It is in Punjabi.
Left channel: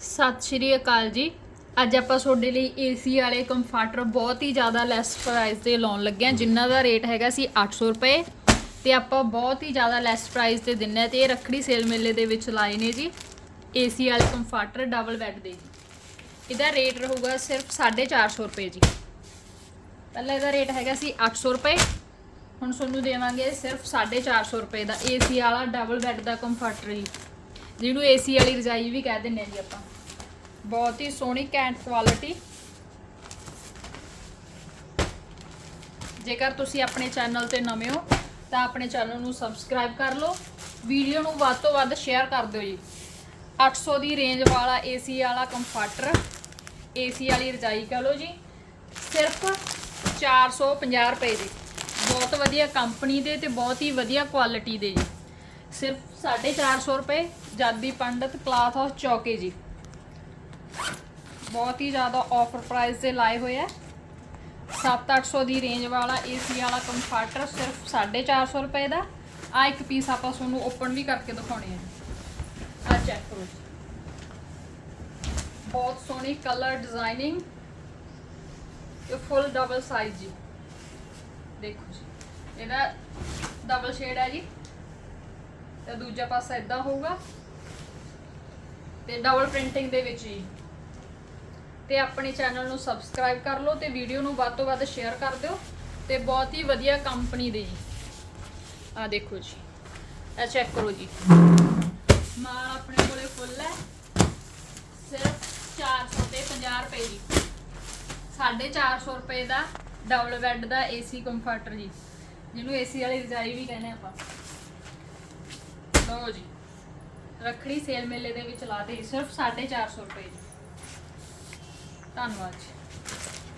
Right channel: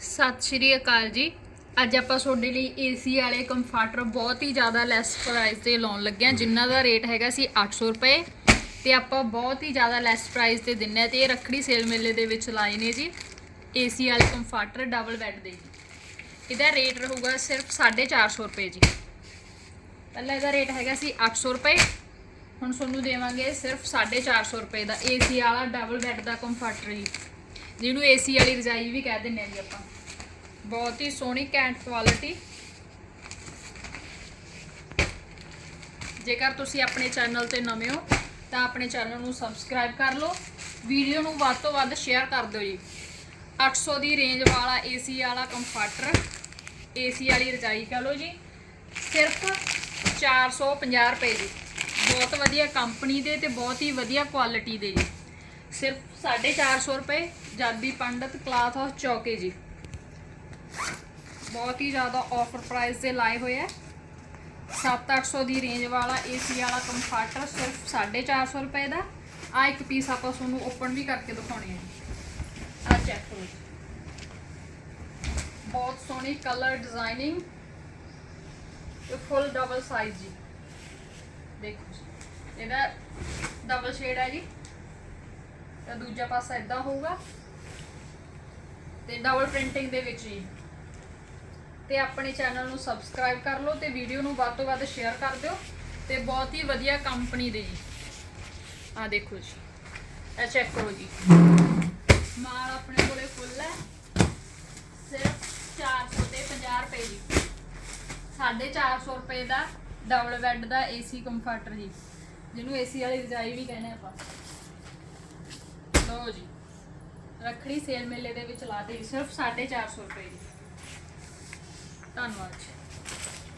ਸਤਿ ਸ਼੍ਰੀ ਅਕਾਲ ਜੀ। ਅੱਜ ਆਪਾਂ ਤੁਹਾਡੇ ਲਈ ਏਸੀ ਵਾਲੇ ਕੰਫਰਟਰ ਬਹੁਤ ਹੀ ਜ਼ਿਆਦਾ ਲੈਸ ਪ੍ਰਾਈਸ ਤੇ ਲਾਉਣ ਲੱਗੇ ਹਾਂ ਜਿਨ੍ਹਾਂ ਦਾ ਰੇਟ ਹੈਗਾ ਸੀ 800 ਰੁਪਏ। ਤੇ ਆਪਾਂ ਬਹੁਤ ਹੀ ਜ਼ਿਆਦਾ ਲੈਸ ਪ੍ਰਾਈਸ ਤੇ ਦਿੰਨੇ ਆ ਤੇ ਇਹ ਰੱਖੜੀ ਸੇਲ ਮੇਲੇ ਦੇ ਵਿੱਚ ਲਾਏ ਨੇ ਜੀ। ਏਸੀ ਵਾਲੇ ਕੰਫਰਟਰ ਡਬਲ ਬੈੱਡ ਦੇ ਜੀ। ਇਹਦਾ ਰੇਟ ਰਹੂਗਾ ਸਿਰਫ 450 ਰੁਪਏ ਜੀ। ਪਹਿਲਾਂ ਇਹਦਾ ਰੇਟ ਹੈਗਾ ਸੀ 800 ਰੁਪਏ। ਹੁਣ ਤੁਹਾਨੂੰ ਦੇਵਾਂਗੇ ਸਿਰਫ 450 ਰੁਪਏ ਦਾ ਏਸੀ ਵਾਲਾ ਡਬਲ ਬੈੱਡ ਦਾ ਕੰਫਰਟਰ ਜੀ। ਜਿਹਨੂੰ ਏਸੀ ਵਾਲੀ ਰਜਾਈ ਵੀ ਕਹਿ ਦਿੰਦੇ ਆ ਜੀ ਆਪਾਂ। ਬਹੁਤ ਹੀ ਸੋਹਣੀ ਕੈਂਟ ਕੁਆਲਿਟੀ ਜੇਕਰ ਤੁਸੀਂ ਆਪਣੇ ਚੈਨਲ ਤੇ ਨਵੇਂ ਹੋ, ਤਾਂ ਆਪਣੇ ਚੈਨਲ ਨੂੰ ਸਬਸਕ੍ਰਾਈਬ ਕਰ ਲਓ। ਵੀਡੀਓ ਨੂੰ ਵੱਧ ਤੋਂ ਵੱਧ ਸ਼ੇਅਰ ਕਰ ਦਿਓ ਜੀ। 800 ਦੀ ਰੇਂਜ ਵਾਲਾ ਏਸੀ ਵਾਲਾ ਕੰਫਰਟਰ ਏਸੀ ਵਾਲੀ ਰਜਾਈ ਕਹ ਲਓ ਜੀ। ਸਿਰਫ 450 ਰੁਪਏ ਦੀ। ਬਹੁਤ ਵਧੀਆ ਕੰਪਨੀ ਦੇ ਤੇ ਬਹੁਤ ਹੀ ਵਧੀਆ ਕੁਆਲਿਟੀ ਦੇ ਜੀ। ਸਿਰਫ 450 ਰੁਪਏ, ਜਾਦੀ ਪੰਡਤ ਕਲਾਥ ਹਾਊਸ ਚੌਕੇ ਜੀ। ਬਹੁਤ ਹੀ ਜ਼ਿਆਦਾ ਆਫਰ ਪ੍ਰਾਈਸ ਦੇ ਲਾਏ ਹੋਏ ਆ। 7-800 ਦੀ ਰੇਂਜ ਵਾਲਾ ਏਸੀ ਵਾਲਾ ਕੰਫਰਟਰ ਸਿਰਫ 450 ਰੁਪਏ ਦਾ। ਆ ਇੱਕ ਪੀਸ ਆਪਾਂ ਤੁਹਾਨੂੰ ਓਪਨ ਵੀ ਕਰਕੇ ਦਿਖਾਉਣੇ ਆ। ਆ ਚੈੱਕ ਕਰੋ ਬਹੁਤ ਸੋਹਣੀ ਕਲਰ ਡਿਜ਼ਾਈਨਿੰਗ ਇਹ ਫੁੱਲ ਡਬਲ ਸਾਈਜ਼ ਜੀ। ਦੇਖੋ ਜੀ। ਇਹਦਾ ਡਬਲ ਸ਼ੇਡ ਹੈ ਜੀ। ਤੇ ਦੂਜਾ ਪਾਸਾ ਇਦਾਂ ਹੋਊਗਾ ਤੇ ਡਬਲ ਪ੍ਰਿੰਟਿੰਗ ਦੇ ਵਿੱਚ ਜੀ। ਤੇ ਆਪਣੇ ਚੈਨਲ ਨੂੰ ਸਬਸਕ੍ਰਾਈਬ ਕਰ ਲਓ ਤੇ ਵੀਡੀਓ ਨੂੰ ਵੱਧ ਤੋਂ ਵੱਧ ਸ਼ੇਅਰ ਕਰ ਦਿਓ ਤੇ ਬਹੁਤ ਹੀ ਵਧੀਆ ਕੰਪਨੀ ਦੇ ਜੀ। ਆ ਦੇਖੋ ਜੀ। ਇਹ ਚੈੱਕ ਕਰੋ ਜੀ। ਮਾਲ ਆਪਣੇ ਕੋਲੇ ਫੁੱਲ ਹੈ। ਸਿਰਫ 400 ਤੇ 50 ਰੁਪਏ ਜੀ। 450 ਰੁਪਏ ਦਾ ਡਬਲ ਬੈੱਡ ਦਾ ਏਸੀ ਕੰਫਰਟਰ ਜੀ। ਜਿਹਨੂੰ ਏਸੀ ਵਾਲੀ ਰਜਾਈ ਵੀ ਕਹਿੰਦੇ ਆਪਾਂ। ਲਓ ਜੀ। ਰੱਖੜੀ ਸੇਲ ਮੇਲੇ ਦੇ ਵਿੱਚ ਲਾ ਦੇ ਸਿਰਫ 450 ਰੁਪਏ ਜੀ। ਧੰਨਵਾਦ ਜੀ।